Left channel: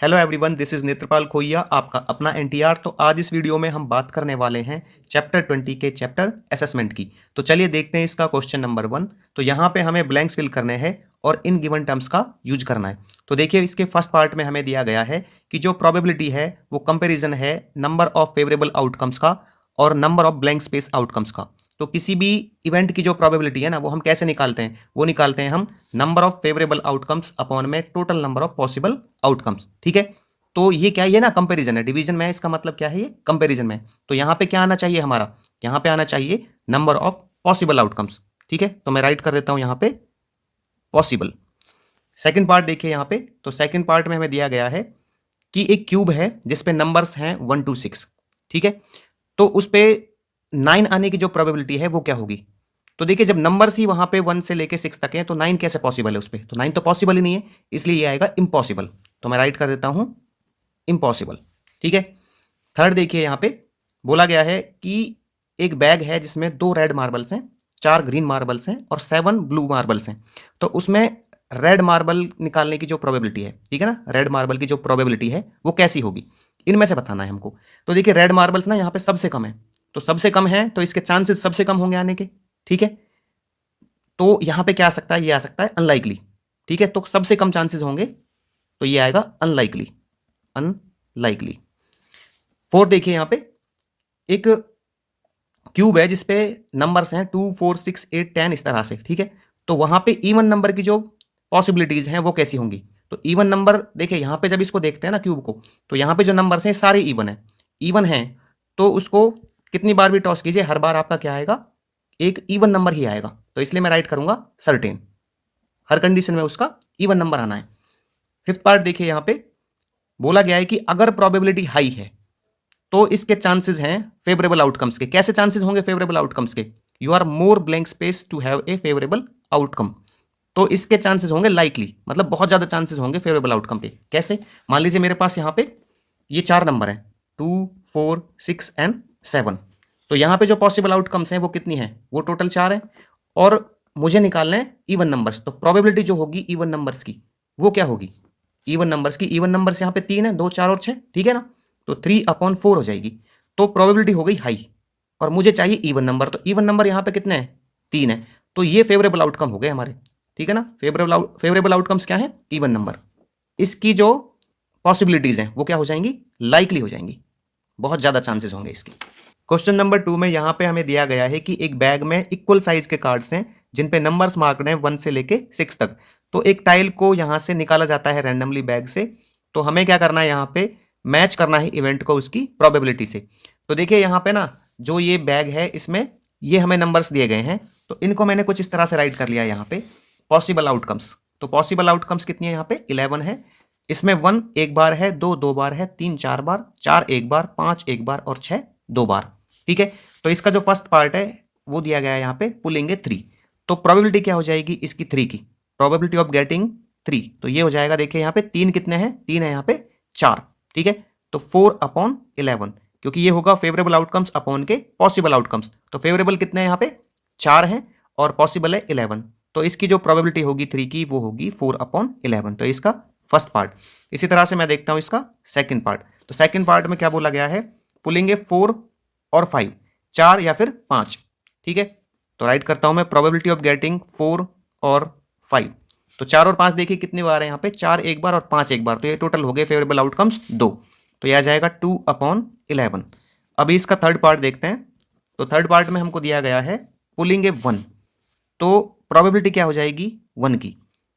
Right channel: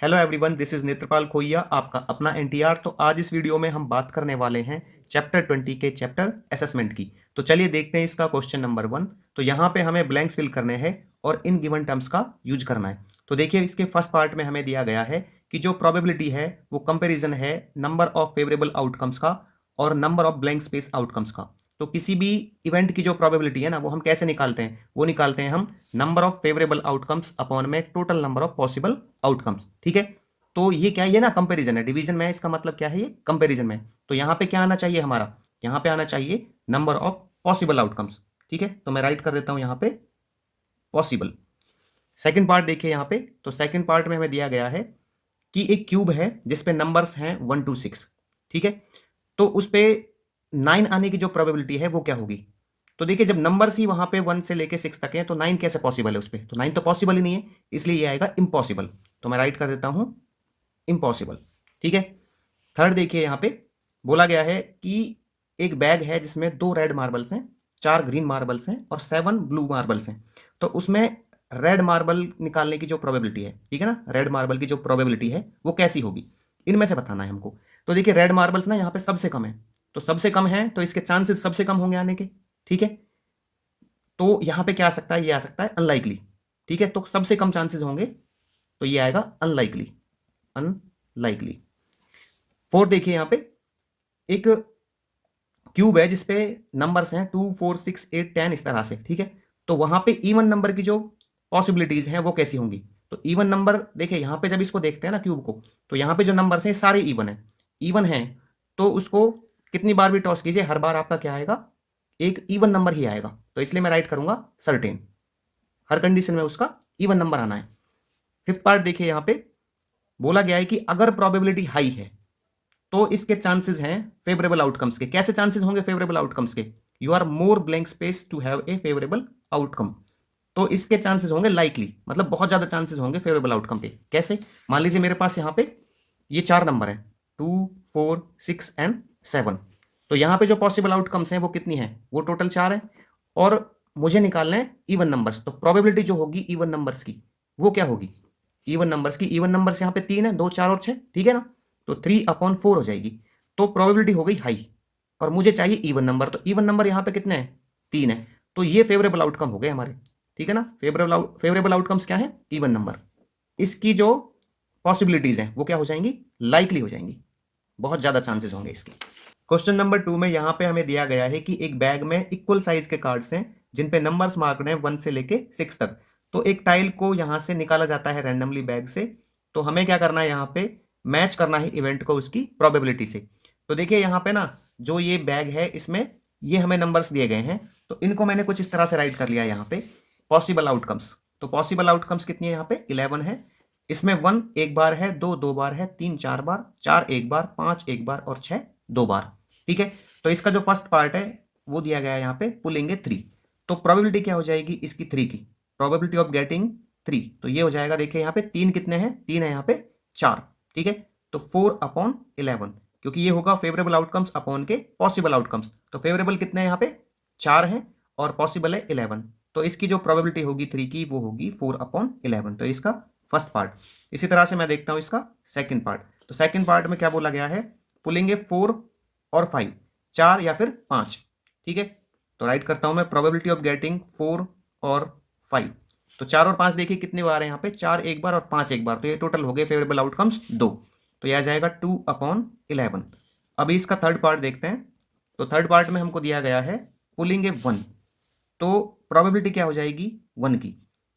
Hello everyone, this is Netrapal खोइया, आपका अपना एनटीआर। तो आज इस वीडियो में हम बात करने वाले हैं चैप्टर 20 के चैप्टर असेसमेंट की। तो चलिए देखते हैं इसका क्वेश्चन नंबर 1। तो यहाँ पे हमें ब्लैंक्स फिल करने हैं और इन गिवन टर्म्स का यूज करना है। तो देखिए इसके फर्स्ट पार्ट में हमें दिया गया है कि जो प्रोबेबिलिटी है वो कंपेरिजन है नंबर ऑफ फेवरेबल आउटकम्स का और number of blank space outcomes का। तो किसी भी इवेंट की जो प्रोबेबिलिटी है ना, वो हम कैसे निकालते हैं? वो निकालते हैं हम number of favourable outcomes upon में total number of possible outcomes. ठीक है। तो ये क्या है? ये ना कंपैरिजन है, डिवीजन में है, इसका मतलब क्या है? ये कंपैरिजन में है। तो यहाँ पे क्या आना चाहिए हमारा? यहाँ पे आना चाहिए नंबर ऑफ पॉसिबल आउटकम्स। ठीक है, तो मैं राइट कर देता हूँ यहाँ पे पॉसिबल। सेकंड पार्ट देखिए यहाँ पे। तो सेकंड पार्ट में हमें दिया गया है कि एक क्यूब है जिसपे नंबर्स हैं 1 to 6। ठीक है। तो उस पे 9 आने की जो प्रोबेबिलिटी है वो क्या होगी? तो देखिए जब नंबर्स ही वहां पे 1 से लेके 6 तक है तो 9 कैसे पॉसिबल है उस पे? तो 9 तो पॉसिबल ही नहीं है, इसलिए ये आएगा इम्पॉसिबल। तो मैं राइट कर देता हूं इम्पॉसिबल। ठीक है। थर्ड देखिए यहाँ पे बोला गया है कि एक बैग है जिसमें 2 रेड मार्बल्स हैं, 4 ग्रीन मार्बल्स हैं और 7 ब्लू मार्बल्स हैं। तो उसमें रेड मार्बल निकालने की जो प्रोबेबिलिटी है, ठीक है ना, रेड मार्बल की जो प्रोबेबिलिटी है वो कैसी होगी, इनमें से बताना है हमको। तो देखिए रेड मार्बल्स ना यहाँ पे सबसे कम है, तो सबसे कम है तो इसके चांसेस सबसे कम होंगे आने के। ठीक है। तो यहाँ पे क्या आ सकता है? ये आ सकता है अनलाइकली। ठीक है, तो सबसे कम चांसेस होंगे तो ये आएगा अनलाइकली। अनलाइकली। फोर्थ देखिए यहाँ पे एक क्यूब है जिसपे नंबर्स हैं 2 4 6 8 10 इस तरह से। ठीक है। तो वहां पे इवन नंबर की जो पॉसिबिलिटीज हैं वो कैसी होंगी? तो इवन नंबर देखिए यहाँ पे जब इसको देखते हैं ना क्यूब को, तो यहाँ पे जो नंबर्स हैं सारे इवन है। इवन है तो उसको कितनी बार भी टॉस कीजिए, हर बार आपका क्या आएगा? एक इवन नंबर ही आएगा। तो इसलिए मैं राइट करूंगा सर्टेन। हर कंडीशन में उसका इवन नंबर आना है। फिफ्थ पार्ट देखिए यहाँ पे बोला गया है कि अगर प्रोबेबिलिटी हाई है तो इसके चांसेस हैं फेवरेबल आउटकम्स के। कैसे चांसेस होंगे फेवरेबल आउटकम्स के? You are more blank space to have a favourable outcome. तो इसके चांसेस होंगे लाइकली, मतलब बहुत ज्यादा चांसेस होंगे फेवरेबल आउटकम पे। कैसे? मान लीजिए मेरे पास यहाँ पे ये 4 नंबर है, 2 4 6 एंड 7। तो यहाँ पे जो पॉसिबल आउटकम्स हैं वो कितनी है? वो टोटल 4 है और मुझे निकालना है इवन नंबर्स। तो प्रोबेबिलिटी जो होगी इवन नंबर्स की वो क्या होगी? इवन नंबर्स की, इवन नंबर्स यहाँ पे 3 है, 2 4 और 6। ठीक है ना। तो 3/4 हो जाएगी। तो प्रोबेबिलिटी हो गई हाई और मुझे चाहिए इवन नंबर। तो इवन नंबर यहाँ पे कितने हैं? 3 है। तो ये फेवरेबल आउटकम हो गए हमारे। ठीक है ना। फेवरेबल आउटकम्स क्या है? Even number. इसकी जो पॉसिबिलिटीज हैं वो क्या हो जाएंगी? लाइकली हो जाएंगी। बहुत ज्यादा चांसेस होंगे इसके। क्वेश्चन नंबर 2 में यहाँ पे हमें दिया गया है कि एक बैग में इक्वल साइज के कार्ड्स हैं जिन पे नंबर्स मार्क्ड हैं 1 से लेके 6 तक। तो एक टाइल को यहाँ से निकाला जाता है रैंडमली बैग से। तो हमें क्या करना है? यहाँ पे मैच करना है इवेंट को उसकी प्रोबेबिलिटी से। तो देखिए यहाँ पे ना जो ये बैग है इसमें ये हमें नंबर्स दिए गए हैं, तो इनको मैंने कुछ इस तरह से राइट कर लिया यहाँ पे पॉसिबल आउटकम्स। तो पॉसिबल आउटकम्स कितनी है? यहाँ पे 11 है। इसमें 1 एक बार है, 2 2 बार है, 3 4 बार, 4 एक बार, 5 एक बार और 6 2 बार। ठीक है। तो इसका जो फर्स्ट पार्ट है वो दिया गया है यहाँ पे पुलिंग ए 3। तो प्रोबेबिलिटी क्या हो जाएगी इसकी? 3 की। प्रोबेबिलिटी ऑफ गेटिंग 3, तो ये हो जाएगा। देखिए यहाँ पे 3 कितने हैं? 3 है यहाँ पे 4। ठीक है। तो 4/11, क्योंकि ये होगा फेवरेबल आउटकम्स अपॉन के पॉसिबल आउटकम्स। तो फेवरेबल कितने हैं यहाँ पे? 4 है और पॉसिबल है 11। तो इसकी जो प्रोबेबिलिटी होगी 3 की वो होगी 4/11। तो इसका फर्स्ट पार्ट। इसी तरह से मैं देखता हूं इसका सेकंड पार्ट। तो सेकंड पार्ट में क्या बोला गया है? पुलिंग ए 4 और 5, 4 या फिर 5। ठीक है। तो राइट करता हूं मैं प्रोबेबिलिटी ऑफ गेटिंग 4 और 5। तो 4 और 5 देखिए कितनी बार है यहाँ पे? 4 एक बार और 5 एक बार। तो ये टोटल हो गए फेवरेबल आउटकम्स 2। तो यह आ जाएगा 2/11। अभी इसका थर्ड पार्ट देखते हैं। तो थर्ड पार्ट में हमको दिया गया है पुलिंग ए 1। तो प्रोबेबिलिटी क्या हो जाएगी? 1 की।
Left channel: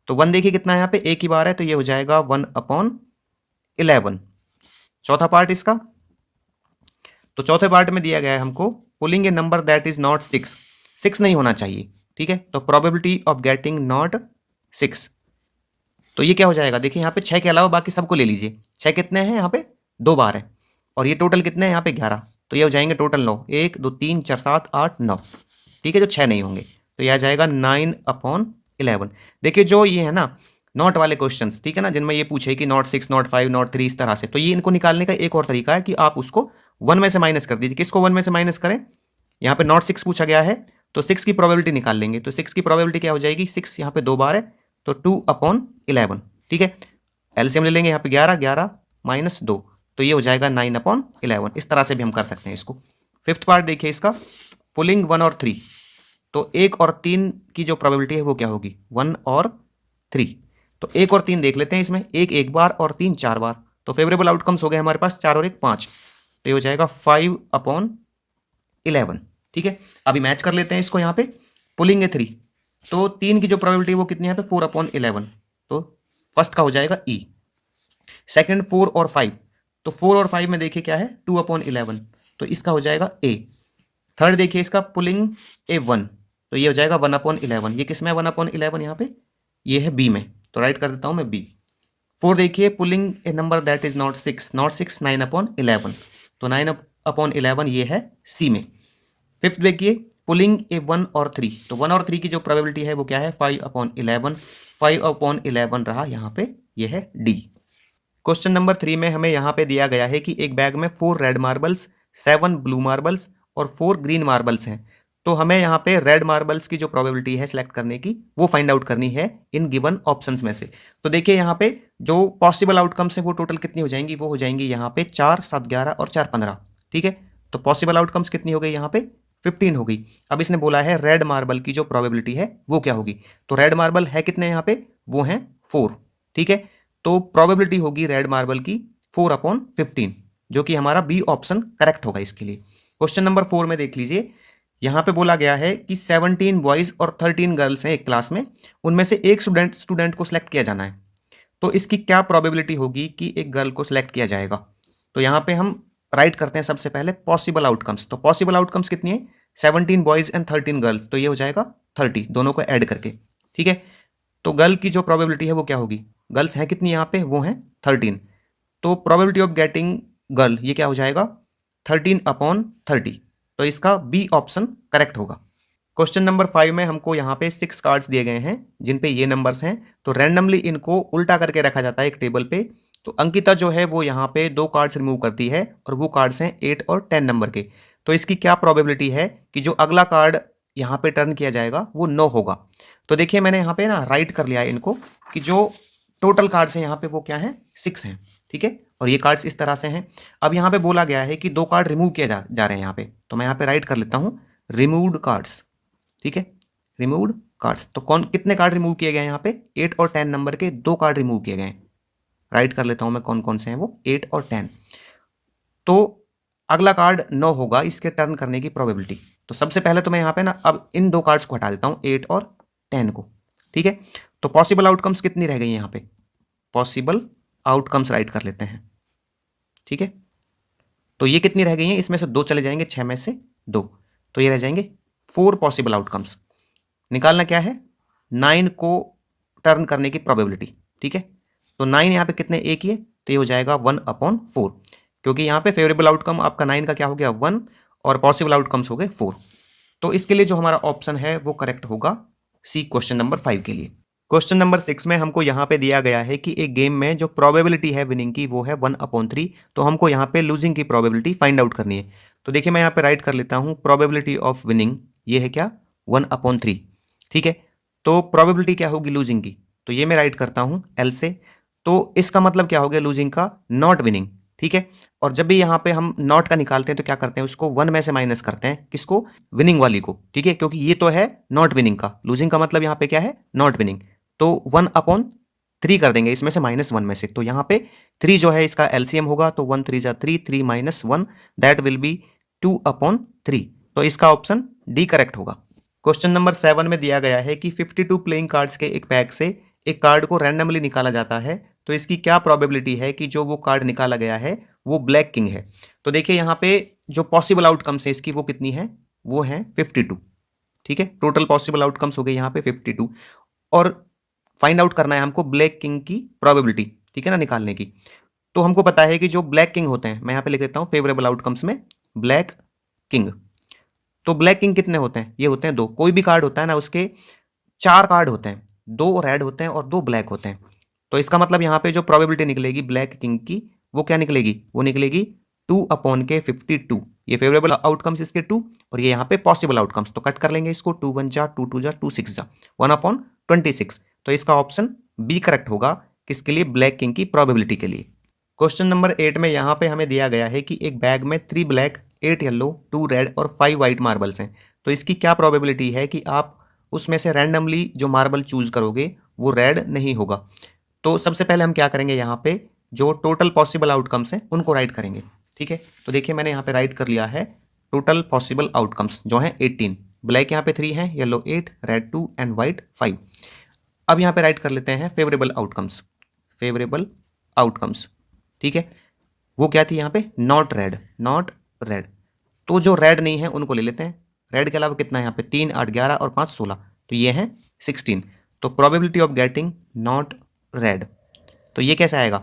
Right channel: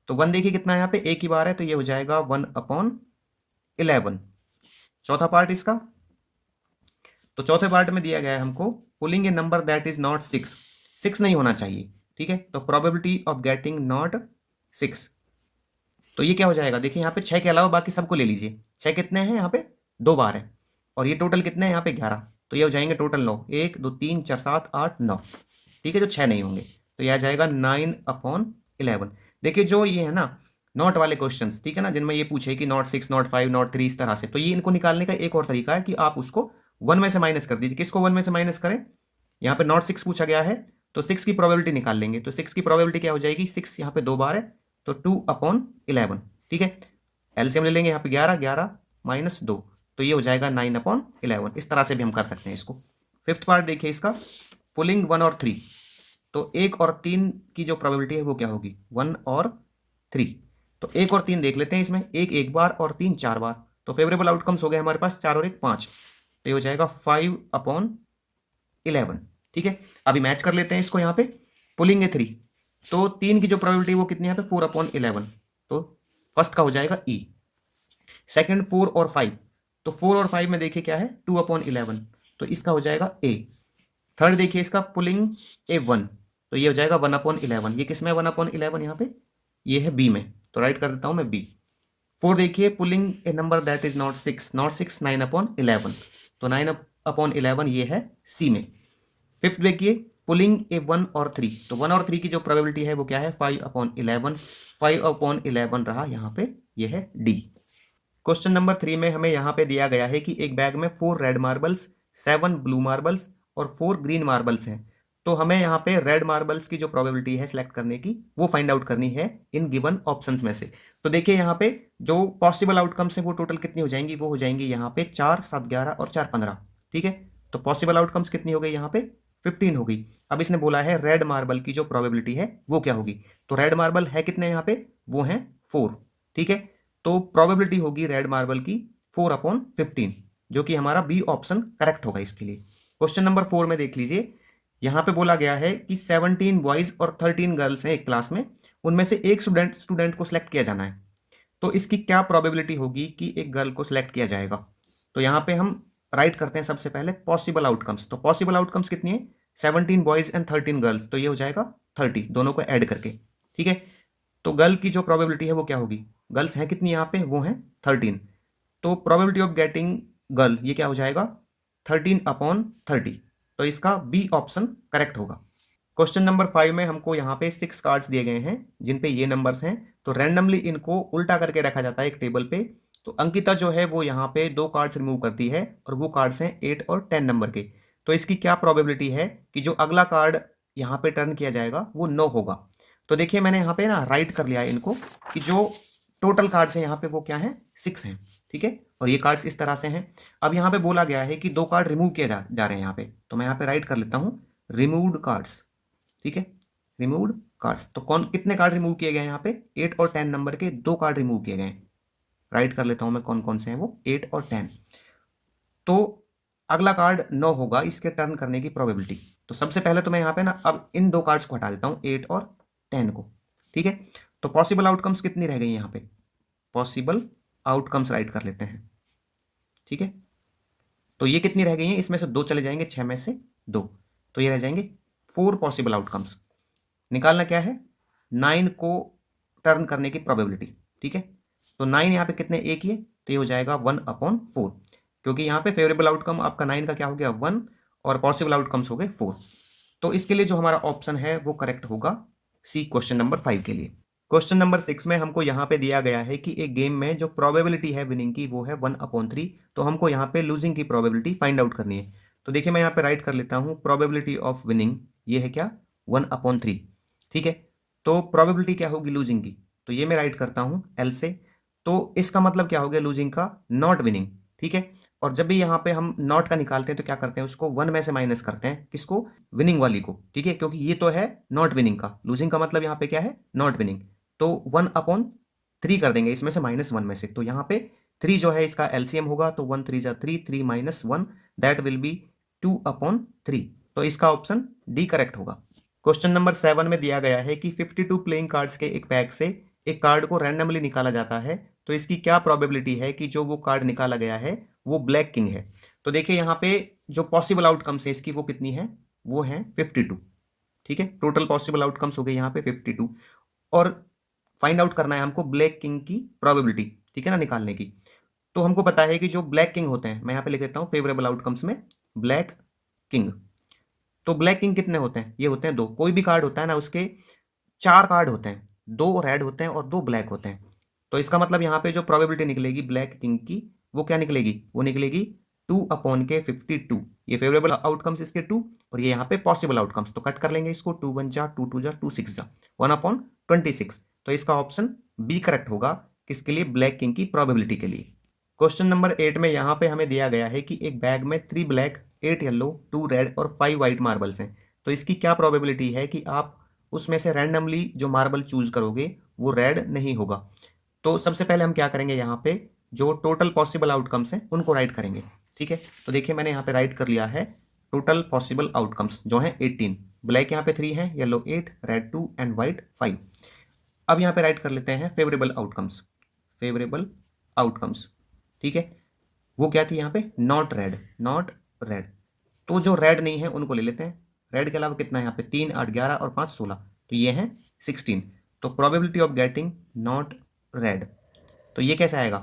तो 1 देखिए कितना है यहाँ पे? एक ही बार है, तो ये हो जाएगा 1/11। चौथा पार्ट इसका। तो चौथे पार्ट में दिया गया है हमको pulling a number that is not 6। 6 नहीं होना चाहिए। ठीक है। तो प्रोबेबिलिटी ऑफ गेटिंग नॉट 6, तो ये क्या हो जाएगा? देखिए यहाँ पे 6 के अलावा बाकी सबको ले लीजिए। 6 कितने हैं यहाँ पे? 2 बार है और ये टोटल कितने हैं यहाँ पे? 11। तो ये हो जाएंगे टोटल 9, 1 2 3 4 7 8 9। ठीक है। जो 6 नहीं होंगे तो ये आ जाएगा 9/11। देखिए जो ये है ना नॉट वाले क्वेश्चंस, ठीक है ना, जिनमें ये पूछे कि नॉट 6 नॉट 5 नॉट 3 इस तरह से, तो ये इनको निकालने का एक और तरीका है कि आप उसको 1 में से माइनस कर दीजिए। किसको 1 में से माइनस करें? यहाँ पे नॉट 6 पूछा गया है तो 6 की प्रोबेबिलिटी निकाल लेंगे। तो 6 की प्रोबेबिलिटी क्या हो जाएगी? 6 यहाँ पे 2 बार है तो 2/11। ठीक है। एलसीएम ले लेंगे यहाँ पे 11, 11 माइनस 2, तो ये हो जाएगा 9/11। इस तरह से भी हम कर सकते हैं इसको। फिफ्थ पार्ट देखिए इसका, पुलिंग 1 और 3, तो 1 और 3 की जो प्रोबेबिलिटी है वो क्या होगी, 1 और 3। तो 1 और 3 देख लेते हैं इसमें, 1 एक बार और 3 4 बार, तो फेवरेबल आउटकम्स हो गए हमारे पास 4 और 1 5, तो ये हो जाएगा 5/11। ठीक है, अभी मैच कर लेते हैं इसको यहाँ पे, पुलिंग है 3, तो 3 की जो प्रोबेबिलिटी वो कितनी है यहाँ पे 4/11, तो फर्स्ट का हो जाएगा ई। सेकंड 4 और 5, तो 4 और 5 में देखिए क्या है 2/11, तो इसका हो जाएगा ए। थर्ड देखिए इसका पुलिंग A1, तो ये हो जाएगा 1/11, ये किस में 1/11 यहाँ पे, ये है बी में, तो राइट कर देता हूँ मैं बी। फोर देखिए pulling a number that is not 6, not 6 9/11, तो 9/11 ये है सी में। फिफ्थ देखिए पुलिंग A1 और 3, तो 1 और 3 की जो प्रोबेबिलिटी है वो क्या है 5/11, 5/11 रहा यहाँ पे, ये है डी। क्वेश्चन नंबर 3 में हमें यहाँ पे दिया गया है कि एक बैग में 4 रेड मार्बल्स, 7 ब्लू मार्बल्स और 4 ग्रीन मार्बल्स हैं। तो हमें यहाँ पे रेड मार्बल्स की जो प्रोबेबिलिटी है सिलेक्ट करने की वो फाइंड आउट करनी है इन गिवन ऑप्शंस में से। तो देखिए यहाँ पे जो पॉसिबल आउटकम्स है वो टोटल कितनी हो जाएंगी, वो हो जाएंगी यहाँ पे 4 7 11 और 4 15। ठीक है, तो पॉसिबल आउटकम्स कितनी हो गई यहाँ पे 15 हो गई। अब इसने बोला है रेड मार्बल की जो प्रोबेबिलिटी है वो क्या होगी, तो रेड मार्बल है कितने यहाँ पे, वो हैं 4। ठीक है, तो प्रोबेबिलिटी होगी रेड मार्बल की 4/15, जो कि हमारा बी ऑप्शन करेक्ट होगा इसके लिए। क्वेश्चन नंबर 4 में देख लीजिए, यहाँ पे बोला गया है कि 17 बॉयज और 13 गर्ल्स हैं एक क्लास में, उनमें से एक स्टूडेंट को सिलेक्ट किया जाना है। तो इसकी क्या प्रोबेबिलिटी होगी कि एक गर्ल को सिलेक्ट किया जाएगा। तो यहाँ पे हम राइट करते हैं सबसे पहले पॉसिबल आउटकम्स। तो पॉसिबल आउटकम्स कितनी है 17 बॉयज एंड 13 गर्ल्स, तो ये हो जाएगा 30 दोनों को ऐड करके। ठीक है, तो गर्ल की जो प्रोबेबिलिटी है वो क्या होगी, गर्ल्स हैं कितनी यहाँ पे, वो हैं 13, तो प्रोबेबिलिटी ऑफ गेटिंग गर्ल ये क्या हो जाएगा 13/30, तो इसका बी ऑप्शन करेक्ट होगा। क्वेश्चन नंबर 5 में हमको यहाँ पे 6 कार्ड्स दिए गए हैं जिन पे ये नंबर्स हैं, तो रैंडमली इनको उल्टा करके रखा जाता है एक टेबल पे। तो अंकिता जो है वो यहाँ पे 2 कार्ड्स रिमूव करती है और वो कार्ड्स हैं 8 और 10 नंबर के। तो इसकी क्या प्रोबेबिलिटी है कि जो अगला कार्ड यहाँ पे टर्न किया जाएगा वो 9 होगा। तो देखिए मैंने यहाँ पे ना राइट कर लिया है इनको कि जो टोटल कार्ड्स हैं यहाँ पे वो क्या है 6 हैं। ठीक है, और ये कार्ड्स इस तरह से हैं। अब यहाँ पे बोला गया है कि 2 कार्ड रिमूव किए जा रहे हैं यहाँ पे, तो मैं यहाँ पे राइट कर लेता हूँ रिमूव्ड कार्ड्स। ठीक है, रिमूव्ड कार्ड्स, तो कौन कितने कार्ड रिमूव किए गए हैं यहाँ पे 8 और 10 नंबर के 2 कार्ड रिमूव किए गए हैं। राइट कर लेता हूँ मैं कौन कौन से हैं वो 8 और 10। तो अगला कार्ड 9 होगा इसके टर्न करने की प्रोबेबिलिटी। तो सबसे पहले तो मैं यहाँ पे ना अब इन 2 कार्ड्स को हटा देता हूँ 8 और 10 को। ठीक है, तो पॉसिबल आउटकम्स कितनी रह गई यहाँ पे, पॉसिबल आउटकम्स राइट कर लेते हैं। ठीक है, तो ये कितनी रह गई हैं, इसमें से 2 चले जाएंगे, 6 में से 2, तो ये रह जाएंगे 4 पॉसिबल आउटकम्स। निकालना क्या है 9 को टर्न करने की प्रोबेबिलिटी। ठीक है, तो 9 यहाँ पे कितने एक ही है, तो ये हो जाएगा 1/4, क्योंकि यहाँ पे फेवरेबल आउटकम आपका 9 का क्या हो गया 1 और पॉसिबल आउटकम्स हो गए 4। तो इसके लिए जो हमारा ऑप्शन है वो करेक्ट होगा सी क्वेश्चन नंबर 5 के लिए। क्वेश्चन नंबर 6 में हमको यहाँ पे दिया गया है कि एक गेम में जो प्रोबेबिलिटी है विनिंग की वो है 1/3, तो हमको यहाँ पे लूजिंग की प्रोबेबिलिटी फाइंड आउट करनी है। तो देखिए मैं यहाँ पे राइट कर लेता हूँ प्रोबेबिलिटी ऑफ विनिंग ये है क्या 1/3। ठीक है, तो प्रोबेबिलिटी क्या होगी लूजिंग की, तो ये मैं राइट करता हूँ एल से। तो इसका मतलब क्या हो गया लूजिंग का नॉट विनिंग। ठीक है, और जब भी यहाँ पे हम नॉट का निकालते हैं तो क्या करते हैं उसको 1 में से माइनस करते हैं, किसको विनिंग वाली को। ठीक है, क्योंकि ये तो है नॉट विनिंग का, लूजिंग का मतलब यहाँ पे क्या है नॉट विनिंग, तो 1/3 कर देंगे इसमें से -1 में से। तो यहाँ पे 3 जो है इसका एलसीएम होगा, तो 1 3 जा 3, 3 - 1 दैट विल बी 2/3, तो इसका ऑप्शन डी करेक्ट होगा। क्वेश्चन नंबर 7 में दिया गया है कि 52 प्लेइंग कार्ड्स के एक पैक से एक कार्ड को रैंडमली निकाला जाता है, तो इसकी क्या प्रोबेबिलिटी है कि जो वो कार्ड निकाला गया है वो ब्लैक किंग है। तो देखिए यहाँ पे जो पॉसिबल आउटकम्स है इसकी वो कितनी है, वो है 52। ठीक है, टोटल पॉसिबल आउटकम्स हो गए यहाँ पे 52, और फाइंड आउट करना है हमको ब्लैक किंग की प्रोबेबिलिटी। ठीक है ना, निकालने की। तो हमको पता है कि जो ब्लैक किंग होते हैं, मैं यहाँ पे लिख देता हूँ फेवरेबल आउटकम्स में ब्लैक किंग। तो ब्लैक किंग कितने होते हैं, ये होते हैं 2। कोई भी कार्ड होता है ना उसके 4 कार्ड होते हैं, 2 रेड होते हैं और 2 ब्लैक होते हैं। तो इसका मतलब यहाँ पे जो प्रोबेबिलिटी निकलेगी ब्लैक किंग की वो क्या निकलेगी, वो निकलेगी 2/52। ये फेवरेबल आउटकम्स इसके 2 और ये यहाँ पे पॉसिबल आउटकम्स, तो कट कर लेंगे इसको, 2 1 जा 2 2 जा 2 6 जा 1/26। तो इसका ऑप्शन बी करेक्ट होगा किसके लिए? ब्लैक किंग की प्रोबेबिलिटी के लिए। क्वेश्चन नंबर 8 में यहाँ पे हमें दिया गया है कि एक बैग में 3 ब्लैक, 8 येलो, 2 रेड और 5 वाइट मार्बल्स हैं। तो इसकी क्या प्रोबेबिलिटी है कि आप उसमें से रैंडमली जो मार्बल चूज करोगे वो रेड नहीं होगा? तो सबसे पहले हम क्या करेंगे, यहाँ पे जो टोटल पॉसिबल आउटकम्स हैं उनको राइट करेंगे। ठीक है, तो देखिए मैंने यहाँ पे राइट कर लिया है टोटल पॉसिबल आउटकम्स जो हैं 18। ब्लैक यहाँ पे 3 हैं, येलो 8, रेड 2 एंड वाइट 5। अब यहाँ पे राइट कर लेते हैं फेवरेबल आउटकम्स। फेवरेबल आउटकम्स, ठीक है, वो क्या थी यहाँ पे? Not red, not red. तो जो रेड नहीं है उनको ले लेते हैं। रेड के अलावा कितना है यहाँ पे? 3, 8, 11 और 5, 16। तो ये है 16। तो probability of getting not red, तो ये कैसे आएगा?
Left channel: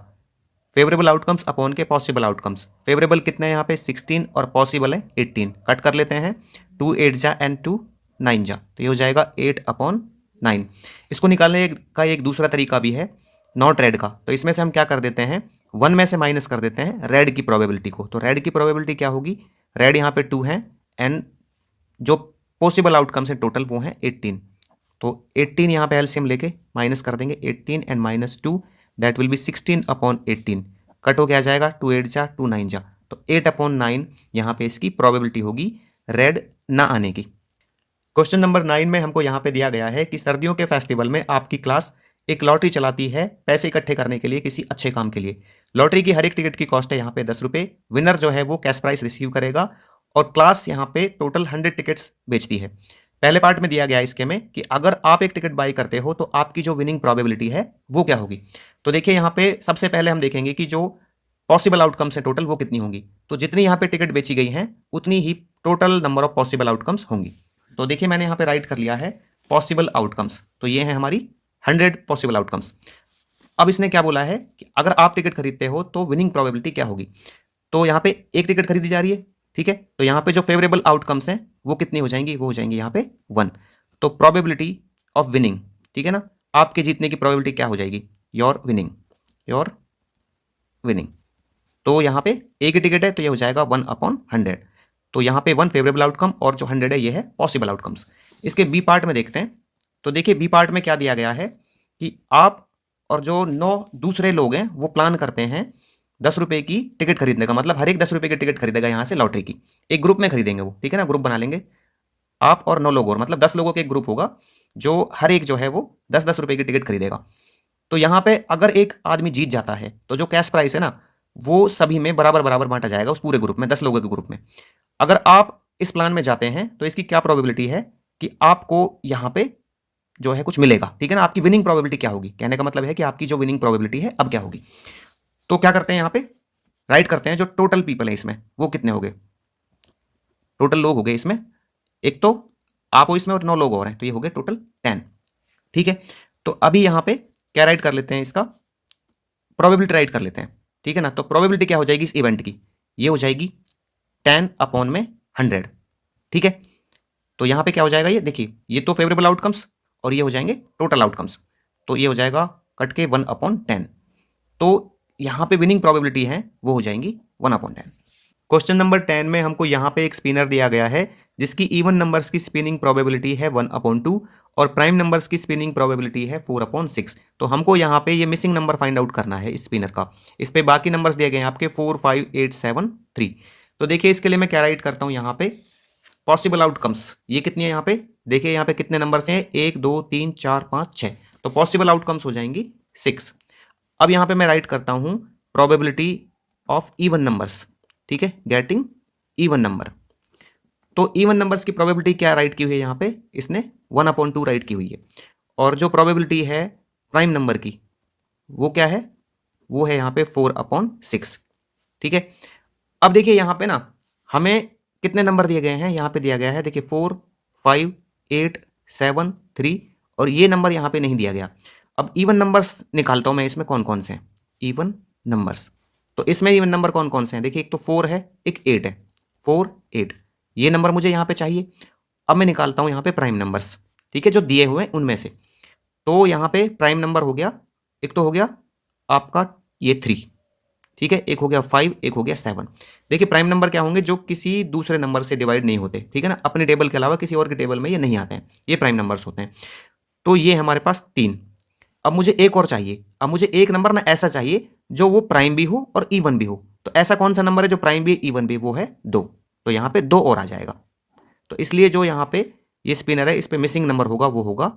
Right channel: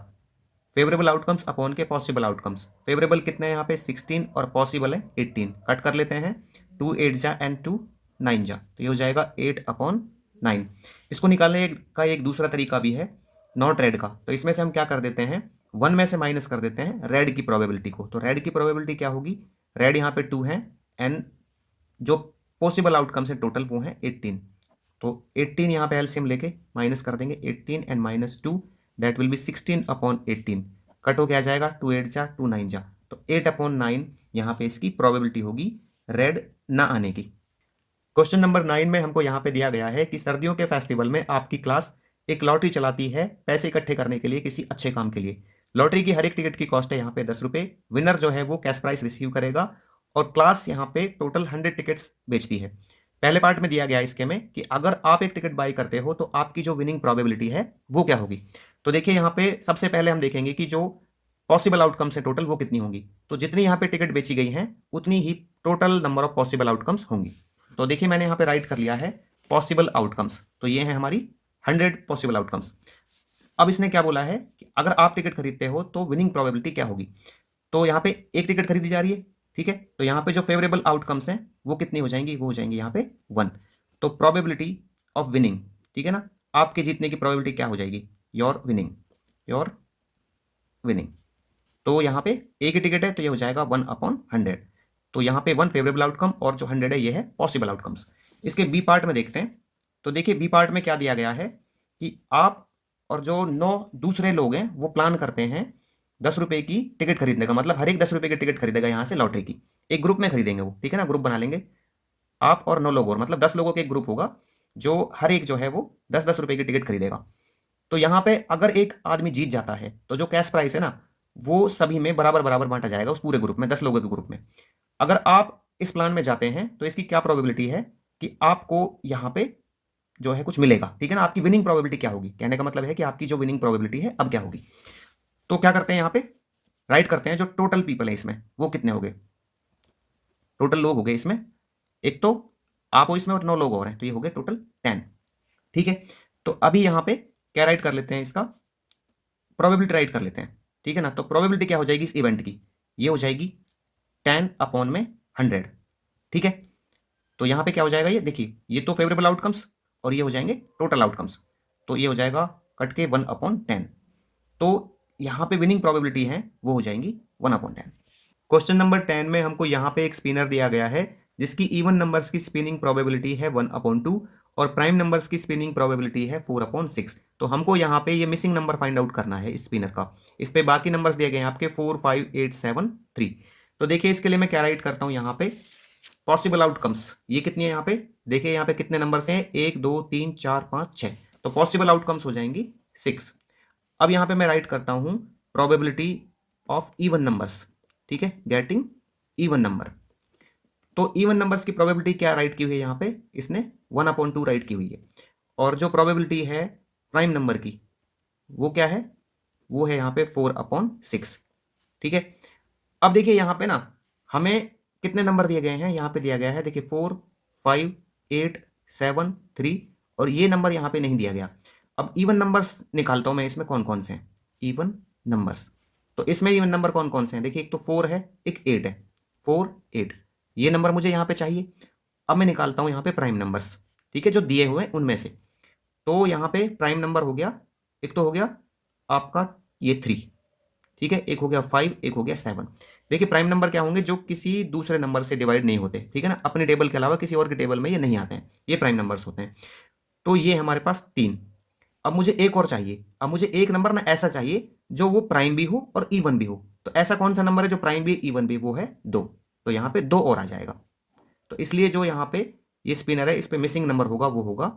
फेवरेबल आउटकम्स अपॉन के पॉसिबल आउटकम्स। फेवरेबल कितने हैं यहाँ पे? 16 और पॉसिबल है 18। कट कर लेते हैं, 2 8 जा एंड 2 9 जा, तो ये हो जाएगा 8/9। इसको निकालने का एक दूसरा तरीका भी है नॉट रेड का। तो इसमें से हम क्या कर देते हैं, 1 में से माइनस कर देते हैं रेड की प्रोबेबिलिटी को। तो रेड की प्रोबेबिलिटी क्या होगी? रेड यहाँ पे 2 है एंड जो पॉसिबल आउटकम्स है टोटल वो है 18। तो 18 यहाँ पे एलसीएम लेके माइनस कर देंगे, 18 and -2 that will be 16/18। Cut हो क्या जाएगा? 2 8 जा 2 9 जा, तो 8/9 यहाँ पे इसकी प्रोबेबिलिटी होगी रेड ना आने की। क्वेश्चन नंबर 9 में हमको यहाँ पे दिया गया है कि सर्दियों के फेस्टिवल में आपकी क्लास एक लॉटरी चलाती है पैसे इकट्ठे करने के लिए किसी अच्छे काम के लिए। लॉटरी की हर एक टिकट की कॉस्ट है यहाँ पे 10 रुपये। विनर जो है वो कैश प्राइस रिसीव करेगा और क्लास यहाँ पे टोटल 100 टिकट्स बेचती है। पहले पार्ट में दिया गया इसके में कि अगर आप एक टिकट बाई करते हो तो आपकी जो विनिंग प्रोबेबिलिटी है वो क्या होगी। तो देखिए यहाँ पे सबसे पहले हम देखेंगे कि जो पॉसिबल आउटकम्स है टोटल वो कितनी होंगी। तो जितनी यहाँ पे टिकट बेची गई हैं उतनी ही total number of possible outcomes होंगी। तो देखिए मैंने यहाँ पे राइट कर लिया है पॉसिबल आउटकम्स, तो ये है हमारी 100 पॉसिबल आउटकम्स। अब इसने क्या बोला है कि अगर आप टिकट खरीदते हो तो विनिंग प्रोबेबिलिटी क्या होगी। तो यहाँ पे एक टिकट खरीदी जा रही है, ठीक है, तो यहाँ पे जो फेवरेबल आउटकम्स हैं वो कितनी हो जाएंगी? वो हो जाएंगी यहाँ पे 1। तो प्रोबेबिलिटी ऑफ विनिंग, ठीक है ना, आपके जीतने की प्रोबेबिलिटी क्या हो जाएगी? Your winning, your winning. तो यहाँ पे एक ही टिकट है तो ये हो जाएगा 1/100। तो यहाँ पे 1 फेवरेबल आउटकम और जो 100 है ये है पॉसिबल आउटकम्स। इसके बी पार्ट में देखते हैं। तो देखिए बी पार्ट में क्या दिया गया है कि आप और जो 9 दूसरे लोग हैं वो प्लान करते हैं 10 रुपये की टिकट खरीदने का, मतलब हर एक 10 रुपये की टिकट खरीदेगा यहाँ से लॉटरी की। एक ग्रुप में खरीदेंगे वो, ठीक है ना, ग्रुप बना लेंगे आप और 9 लोग और, मतलब 10 लोगों का एक ग्रुप होगा जो हर एक जो है वो 10-10 रुपये की टिकट खरीदेगा। तो यहाँ पे अगर एक आदमी जीत जाता है तो जो कैश प्राइस है ना वो सभी में बराबर बराबर बांटा जाएगा, उस पूरे ग्रुप में, 10 लोगों के ग्रुप में। अगर आप इस प्लान में जाते हैं तो इसकी क्या प्रोबेबिलिटी है कि आपको यहाँ पे जो है कुछ मिलेगा, ठीक है ना। आपकी विनिंग प्रोबेबिलिटी क्या होगी, कहने का मतलब है कि आपकी जो विनिंग प्रोबेबिलिटी है अब क्या होगी। तो क्या करते हैं यहाँ पे राइट करते हैं जो टोटल पीपल है इसमें वो कितने हो गए, टोटल लोग हो गए इसमें, एक तो आप हो इसमें और 9 लोग और हैं, तो ये हो गए टोटल 10, ठीक है। तो अभी यहाँ पे क्या राइट कर लेते हैं, इसका प्रोबेबिलिटी राइट कर लेते हैं, ठीक है ना। तो प्रोबेबिलिटी क्या हो जाएगी इस इवेंट की, ये हो जाएगी 10/100, ठीक है। तो यहाँ पे क्या हो जाएगा, ये देखिए ये तो फेवरेबल आउटकम्स और ये हो जाएंगे टोटल आउटकम्स, तो ये हो जाएगा कट के 1/10। तो यहाँ पे विनिंग प्रोबेबिलिटी है वो हो जाएंगी 1/10। क्वेश्चन नंबर 10 में हमको यहाँ पे एक स्पिनर दिया गया है जिसकी इवन नंबर्स की स्पिनिंग प्रोबेबिलिटी है 1/2 और प्राइम नंबर्स की स्पिनिंग प्रोबेबिलिटी है 4/6। तो हमको यहाँ पे ये मिसिंग नंबर फाइंड आउट करना है इस स्पिनर का। इस पे बाकी नंबर्स दिए गए हैं आपके 4 5 8 7 3। तो देखिए इसके लिए मैं क्या राइट करता हूँ यहाँ पे पॉसिबल आउटकम्स, ये कितनी है यहाँ पे, देखिए यहाँ पे कितने नंबर्स हैं, 1 2 3 4 5 6। तो पॉसिबल आउटकम्स हो जाएंगी 6। अब यहाँ पे मैं राइट करता हूँ प्रोबेबिलिटी ऑफ इवन नंबर्स, ठीक है, गेटिंग इवन नंबर। तो इवन नंबर्स की प्रोबेबिलिटी क्या राइट की हुई है यहाँ पे, इसने 1/2 राइट की हुई है। और जो प्रोबेबिलिटी है प्राइम नंबर की वो क्या है, वो है यहाँ पे 4/6, ठीक है। अब देखिए यहाँ पे ना हमें कितने नंबर दिए गए हैं, यहाँ पे दिया गया है देखिए 4 5 8 7 3 और ये नंबर यहाँ पे नहीं दिया गया। अब इवन नंबर्स निकालता हूँ मैं इसमें कौन कौन से हैं इवन नंबर्स। तो इसमें इवन नंबर कौन कौन से हैं, देखिए एक तो 4 है, एक 8 है, 4 8 ये नंबर मुझे यहाँ पे चाहिए। अब मैं निकालता हूँ यहाँ पे प्राइम नंबर्स, ठीक है, जो दिए हुए हैं उनमें से। तो यहाँ पे प्राइम नंबर हो गया, एक तो हो गया आपका ये 3, ठीक है, एक हो गया 5, एक हो गया 7। देखिए प्राइम नंबर क्या होंगे, जो किसी दूसरे नंबर से डिवाइड नहीं होते, ठीक है ना, अपने टेबल के अलावा किसी और के टेबल में ये नहीं आते हैं, ये प्राइम नंबर्स होते हैं। तो ये हमारे पास 3, अब मुझे एक और चाहिए, अब मुझे एक नंबर ना ऐसा चाहिए जो वो प्राइम भी हो और इवन भी हो। तो ऐसा कौन सा नंबर है जो प्राइम भी इवन भी? वो है 2। तो यहाँ पे 2 और आ जाएगा। तो इसलिए जो यहाँ पे ये स्पिनर है, इस पे मिसिंग नंबर होगा वो होगा